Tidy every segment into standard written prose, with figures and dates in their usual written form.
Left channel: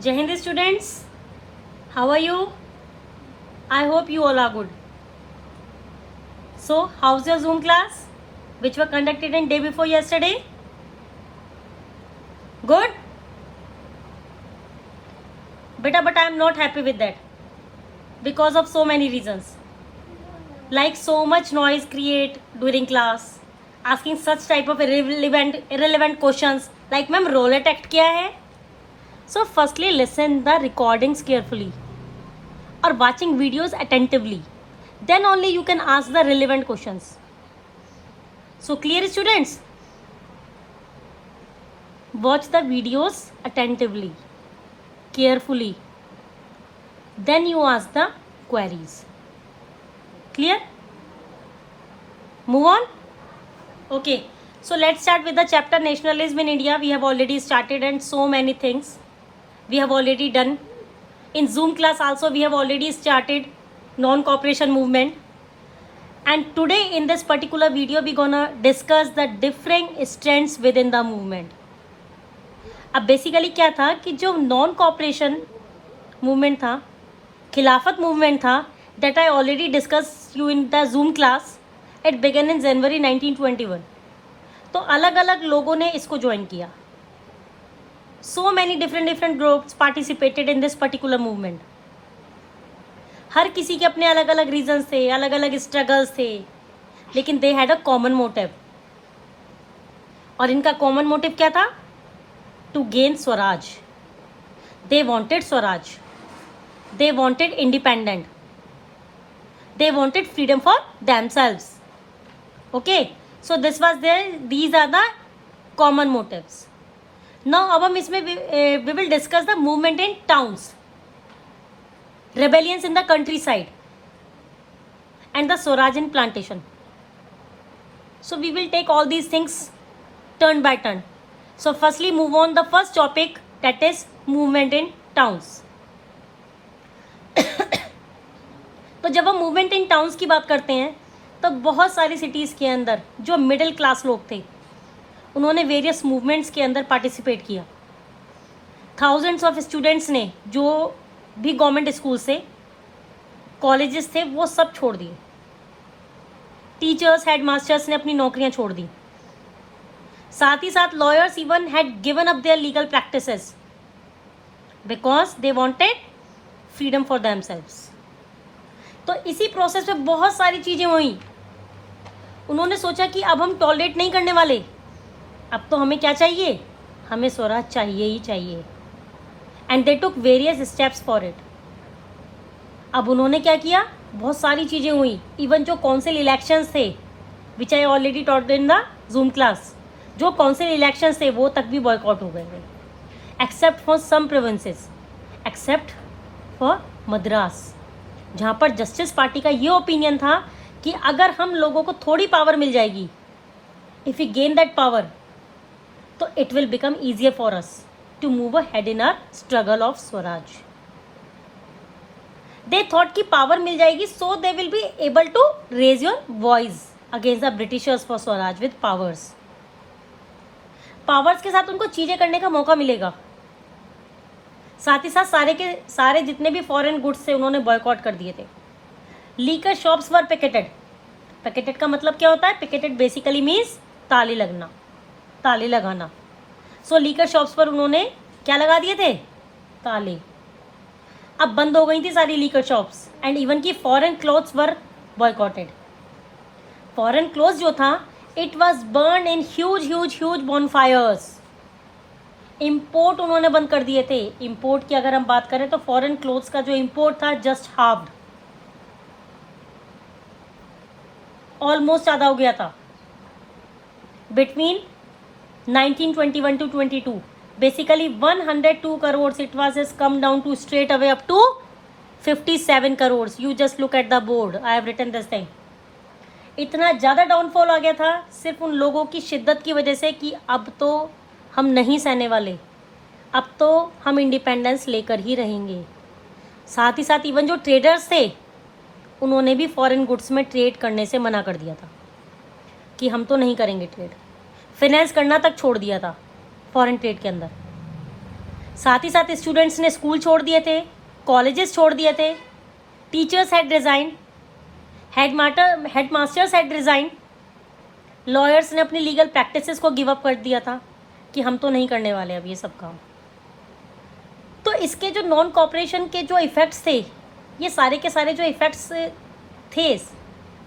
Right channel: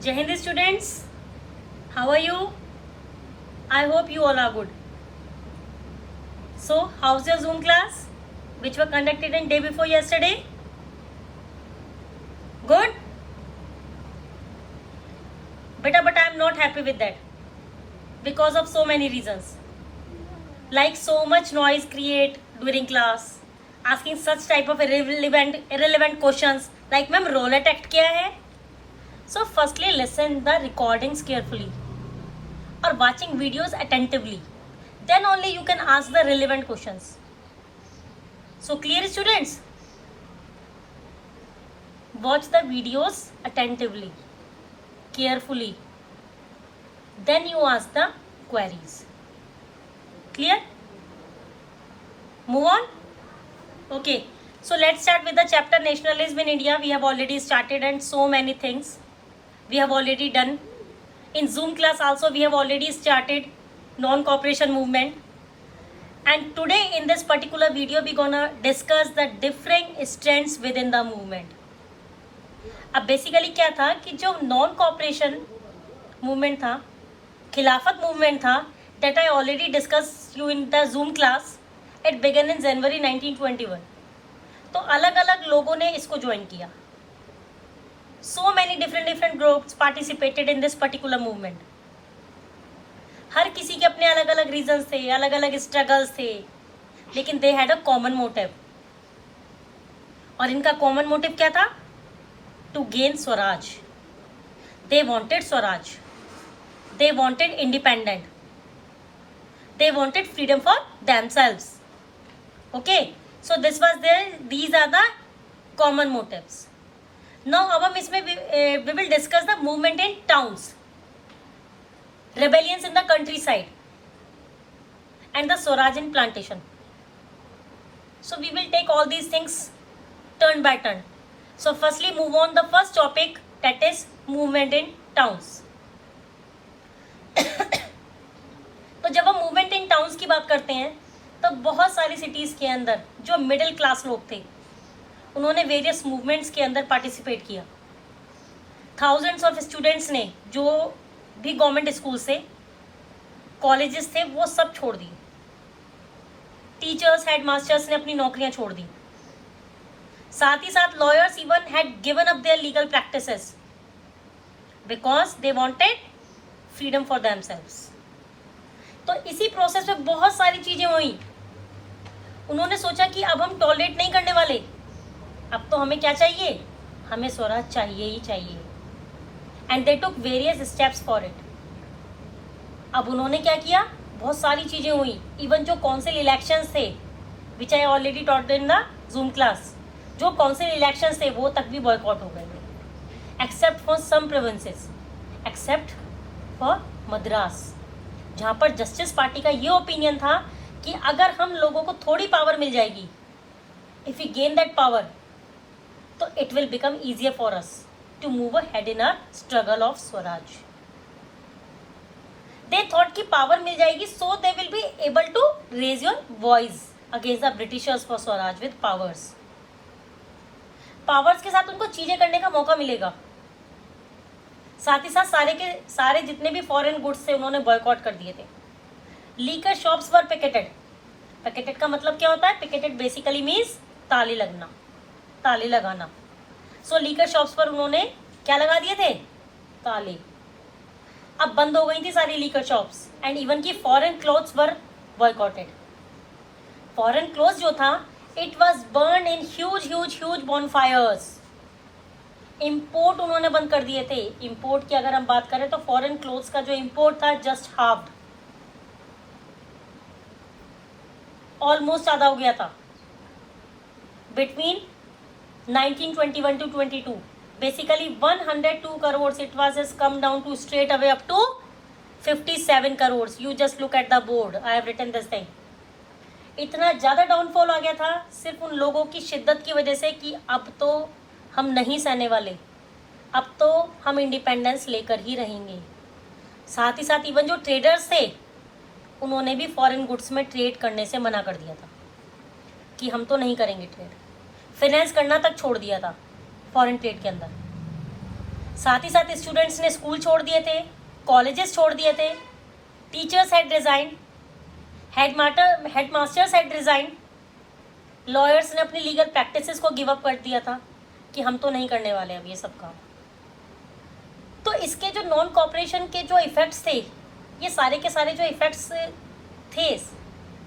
Jai Hind students, how are you? I hope you all are good. So, how's your Zoom class, which were conducted in day before yesterday? Good? Beta, but I am not happy with that because of so many reasons. Like so much noise create during class, asking such type of irrelevant questions like ma'am roulette act क्या है? So firstly listen the recordings carefully or watching videos attentively. Then only you can ask the relevant questions. So clear students? Watch the videos attentively, carefully. Then you ask the queries. Clear? Move on? Okay. So let's start with the chapter Nationalism in India. We have already started and so many things we have already done. In Zoom class also we have already started non-cooperation movement. And today in this particular video we gonna discuss the different strands within the movement. अब basically क्या था कि जो non cooperation movement था, Khilafat movement था, that I already discuss you in the Zoom class. It began in January 1921. तो अलग अलग लोगों ने इसको ज्वाइन किया. So many different groups participated in this particular movement. हर किसी के अपने अलग अलग रीजंस थे, अलग अलग स्ट्रगल्स थे, लेकिन they had a common motive. और इनका कॉमन मोटिव क्या था? To gain swaraj. They wanted swaraj. They wanted independent. They wanted freedom for themselves. Okay, so this was there. These are the common motives. Now अब हम इसमें we will discuss the movement in towns, rebellions in the countryside, and the Swaraj in plantation. So we will take all these things turn by turn. So firstly move on the first topic, that is movement in towns. तो जब हम movement in towns की बात करते हैं तो बहुत सारी सिटीज़ के अंदर जो मिडिल क्लास लोग थे उन्होंने वेरियस मूवमेंट्स के अंदर पार्टिसिपेट किया. थाउजेंड्स ऑफ स्टूडेंट्स ने जो भी गवर्नमेंट स्कूल से कॉलेजेस थे वो सब छोड़ दिए. टीचर्स, हेड मास्टर्स ने अपनी नौकरियां छोड़ दी. साथ ही साथ lawyers even had given up their legal practices because they wanted freedom for themselves. तो इसी प्रोसेस में बहुत सारी चीजें हुई. उन्होंने सोचा कि अब हम टॉलरेट नहीं करने वाले, अब तो हमें क्या चाहिए? हमें स्वराज चाहिए ही चाहिए. And they took various steps for it. अब उन्होंने क्या किया? बहुत सारी चीजें हुई. इवन जो काउंसिल इलेक्शंस थे, which I already taught in the Zoom class, जो काउंसिल इलेक्शंस थे वो तक भी बॉयकॉट हो गए, except for some provinces, except for Madras, जहां पर जस्टिस पार्टी का ये ओपिनियन था कि अगर हम लोगों को थोड़ी पावर मिल जाएगी, if you gain that power, तो it will become easier for us to move ahead in our struggle of Swaraj. They thought कि पावर मिल जाएगी, so they will be able to raise your voice against the Britishers for Swaraj with powers. Powers के साथ उनको चीजें करने का मौका मिलेगा. साथ ही साथ सारे के सारे जितने भी फॉरेन गुड्स थे उन्होंने बॉयकॉट कर दिए थे. लीकर शॉप्स वर पिकेटेड. पिकेटेड का मतलब क्या होता है? पिकेटेड बेसिकली मीन्स ताले लगना, ताले लगाना. सो लीकर शॉप्स पर उन्होंने क्या लगा दिए थे? ताले. अब बंद हो गई थी सारी लीकर शॉप्स. एंड इवन की foreign clothes were boycotted. Foreign clothes जो था, it was burn in huge bonfires. Import उन्होंने बंद कर दिए थे. इंपोर्ट की अगर हम बात करें तो फॉरेन क्लोथ्स का जो इंपोर्ट था जस्ट हाफ्ड, ऑलमोस्ट आधा हो गया था. Between 1921 to 22, basically 102 crores, it was just come down to straight away up to 57 crores. You just look at the board, I have written this thing. इतना ज़्यादा downfall आ गया था सिर्फ उन लोगों की शिद्दत की वजह से कि अब तो हम नहीं सहने वाले, अब तो हम इंडिपेंडेंस लेकर ही रहेंगे. साथ ही साथ इवन जो ट्रेडर्स थे उन्होंने भी फॉरेन गुड्स में ट्रेड करने से मना कर दिया था कि हम तो नहीं करेंगे ट्रेड. फाइनेंस करना तक छोड़ दिया था फॉरेन ट्रेड के अंदर. साथ ही साथ स्टूडेंट्स ने स्कूल छोड़ दिए थे, कॉलेजेस छोड़ दिए थे, teachers had resign, headmasters had resign, lawyers ने अपनी लीगल प्रैक्टिसेस को गिव अप कर दिया था कि हम तो नहीं करने वाले अब ये सब काम। तो इसके जो नॉन कॉपरेशन के जो इफेक्ट्स थे, ये सारे के सारे जो इफेक्ट्स थे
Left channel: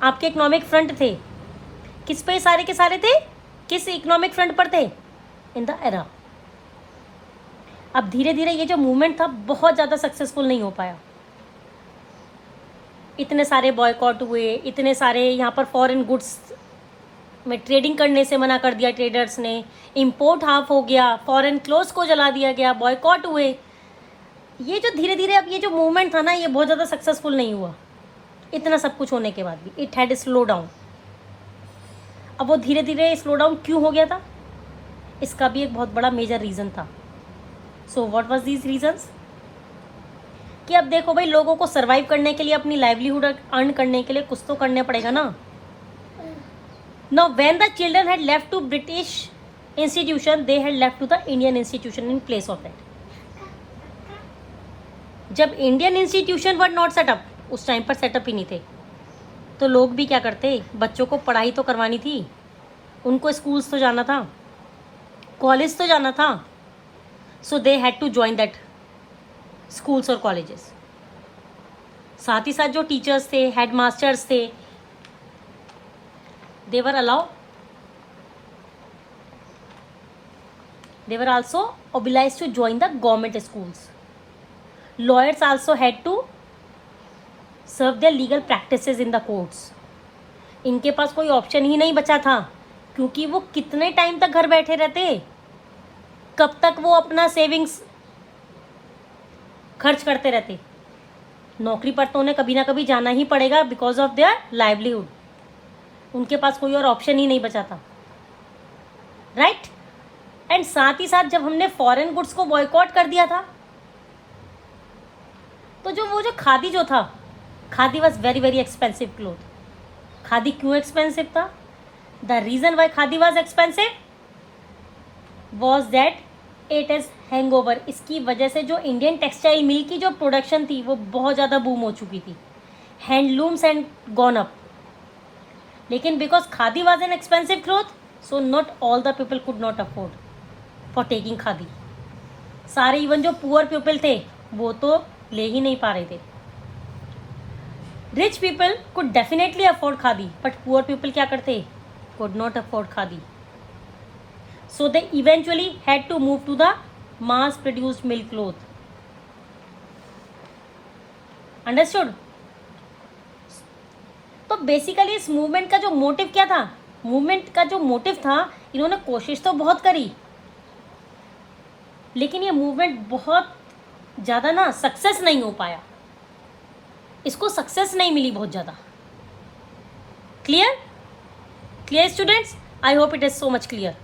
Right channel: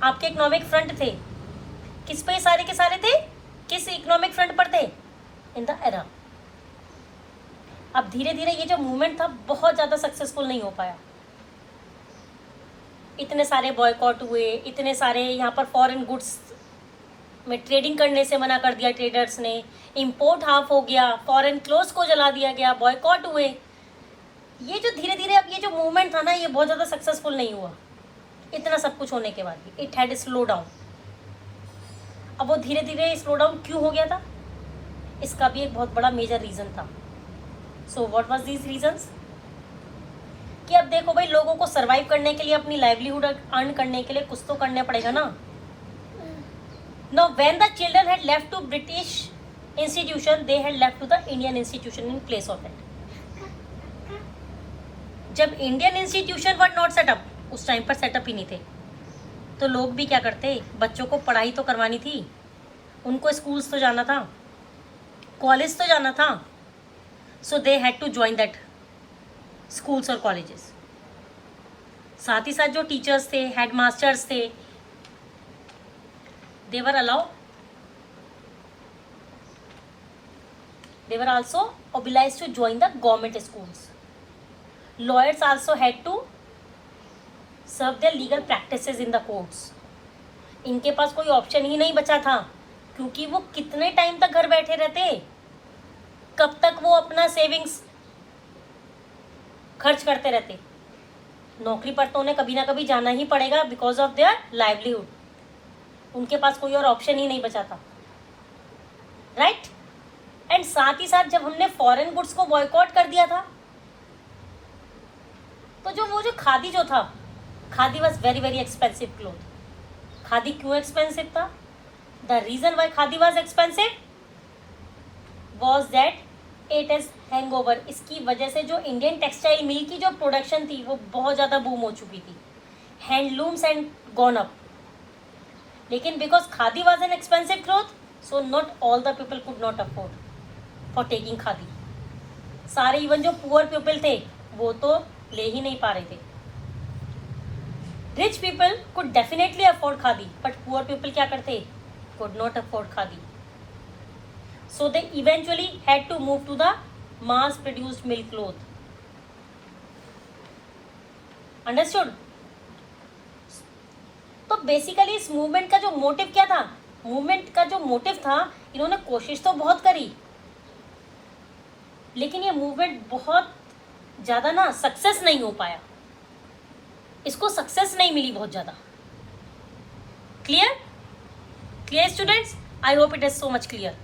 आपके इकोनॉमिक फ्रंट थे, किस पे सारे के सारे थे, किस इकोनॉमिक फ्रंट पर थे, इन द एरा। अब धीरे धीरे ये जो मूवमेंट था बहुत ज़्यादा सक्सेसफुल नहीं हो पाया। इतने सारे बॉयकॉट हुए, इतने सारे यहाँ पर फॉरेन गुड्स में ट्रेडिंग करने से मना कर दिया ट्रेडर्स ने, इंपोर्ट हाफ हो गया, फॉरेन क्लोथ्स को जला दिया गया, बॉयकॉट हुए। ये जो धीरे धीरे अब ये जो मूवमेंट था ना, ये बहुत ज़्यादा सक्सेसफुल नहीं हुआ। इतना सब कुछ होने के बाद भी इट हैड स्लो डाउन। अब वो धीरे धीरे स्लो डाउन क्यों हो गया था, इसका भी एक बहुत बड़ा मेजर रीज़न था। So what was these reasons? कि अब देखो भाई, लोगों को सर्वाइव करने के लिए, अपनी लाइवलीहुड अर्न करने के लिए कुछ तो करने पड़ेगा ना। Now when the children had left to British institution, they had left to the Indian institution in place of it. जब Indian institution were not set up, उस टाइम पर सेटअप ही नहीं थे, तो लोग भी क्या करते, बच्चों को पढ़ाई तो करवानी थी, उनको स्कूल्स तो जाना था, कॉलेज तो जाना था, so they had to join that schools और कॉलेजेस। साथ ही साथ जो टीचर्स थे, हेड मास्टर्स थे, they were also obliged to join the government schools. Lawyers also had to serve their legal practices in the courts. इनके पास कोई option ही नहीं बचा था, क्योंकि वो कितने टाइम तक घर बैठे रहते, कब तक वो अपना सेविंग्स खर्च करते रहते। नौकरी पर तो उन्हें कभी ना कभी जाना ही पड़ेगा बिकॉज ऑफ देयर लाइवलीहुड। उनके पास कोई और ऑप्शन ही नहीं बचा था, राइट। एंड साथ ही साथ जब हमने फॉरेन गुड्स को बॉयकॉट कर दिया था, तो जो खादी जो था, khadi was very very expensive cloth. Khadi क्यों एक्सपेंसिव था? The reason why khadi was expensive was that it is hangover. इसकी वजह से जो इंडियन टेक्सटाइल मिल की जो प्रोडक्शन थी वो बहुत ज्यादा बूम हो चुकी थी, हैंडलूम्स एंड गॉन अप। लेकिन because khadi was an expensive cloth, so not all the people could not afford for taking khadi. सारे इवन जो पुअर पीपल थे वो तो ले ही नहीं पा रहे थे। Rich people could definitely afford khadi, but poor people क्या करते, could not afford khadi. So they eventually had to move to the mass produced milk cloth. Understood? तो बेसिकली इस मूवमेंट का जो मोटिव क्या था, मूवमेंट का जो मोटिव था, इन्होंने कोशिश तो बहुत करी, लेकिन ये मूवमेंट बहुत ज्यादा ना सक्सेस नहीं हो पाया, इसको सक्सेस नहीं मिली बहुत ज्यादा। Clear? Clear students? I hope it is so much clear.